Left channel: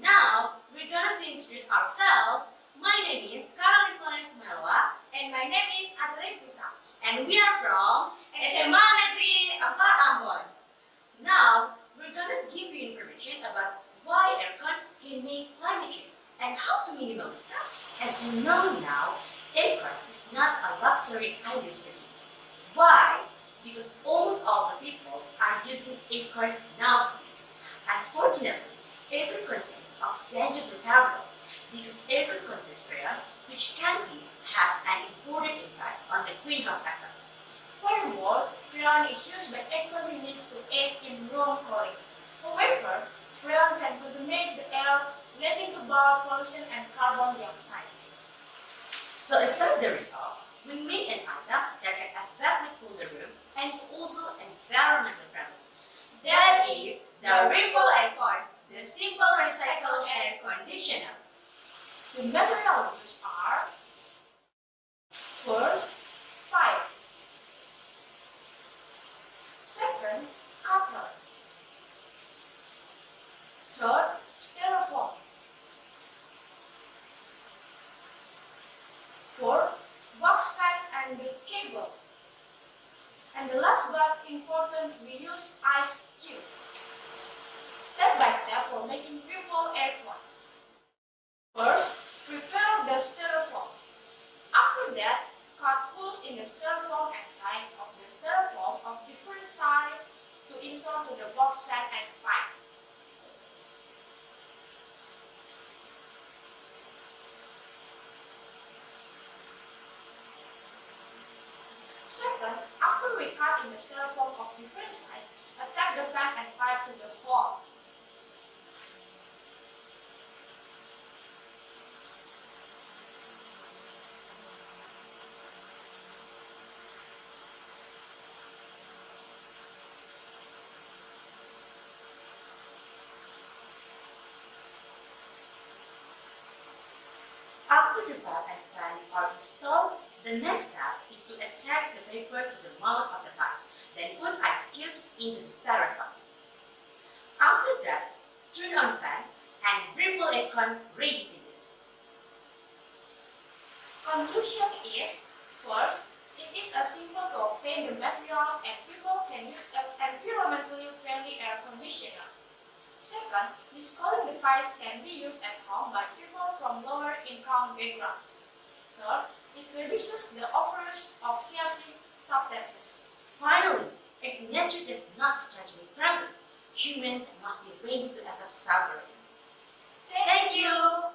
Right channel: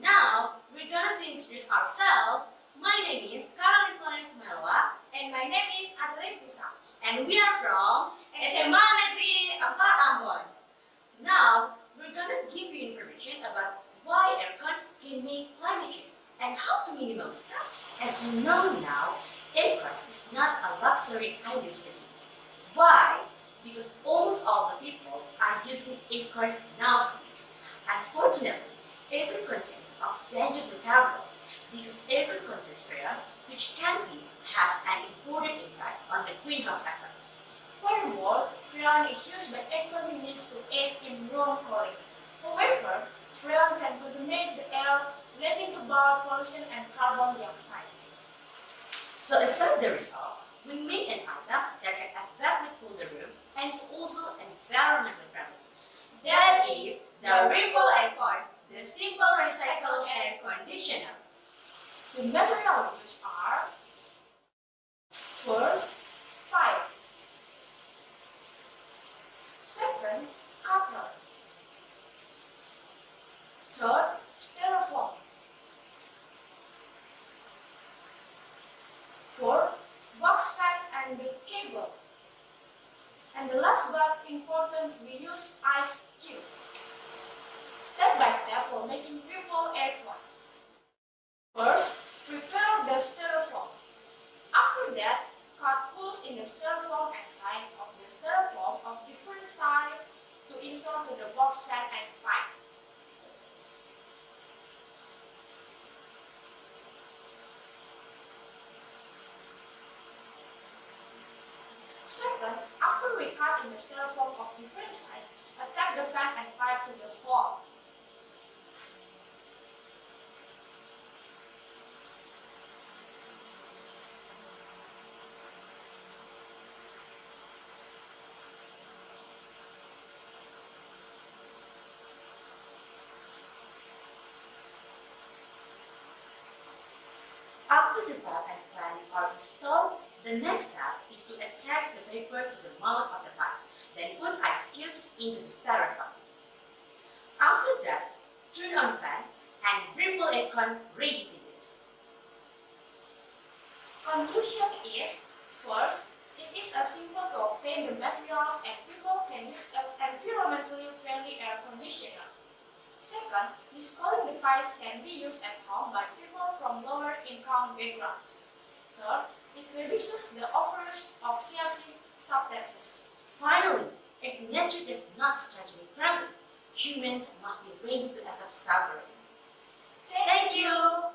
Now, we're going to introduce ourselves. My name is Florence Mailoa, And my name is Adeleyd Mussa. and we are from SMA Negeri 4 Now, we're going to give you information about why aircon can be climate change and how to minimize that. As you know now, aircon is not a luxury item simply. Why? Because almost all the people are using aircon nowadays. Unfortunately, aircon contains of dangerous metabolisms because aircon contains freon, which can has an important impact on the greenhouse effects. Furthermore, freon is used by aircon units to aid in room cooling. However, freon can contaminate the air, leading to bowel pollution and carbon dioxide. So instead of the result, we made an product that can effectively cool the room and is also environmentally friendly. That is the Remple Aircon, the simple recycled air conditioner. The materials are: first, pipe; second, copper; third, styrofoam; fourth, box fan and the cable; and the last but important, we use ice cubes. Step by step for making Remple Aircon. First, prepare the styrofoam. After that, cut holes in the styrofoam and side of the styrofoam of different size to install to the box fan and pipe. Second, after we cut in the styrofoam of different size, attach the fan and pipe to the hole. After the board and fan are installed, the next step is to attach the paper to the mouth of the pipe, then put ice cubes into the styrofoam. After that, turn on the fan and Remple Aircon ready to use. Conclusion is, first, it is a simple to obtain the materials and people can use an environmentally friendly air conditioner. Second, this cooling device can be used at home by people from lower income backgrounds. Third, it reduces the overdose of CO2 substances. Finally, if nature does not start to be friendly, humans must be ready to accept suffering. Thank you.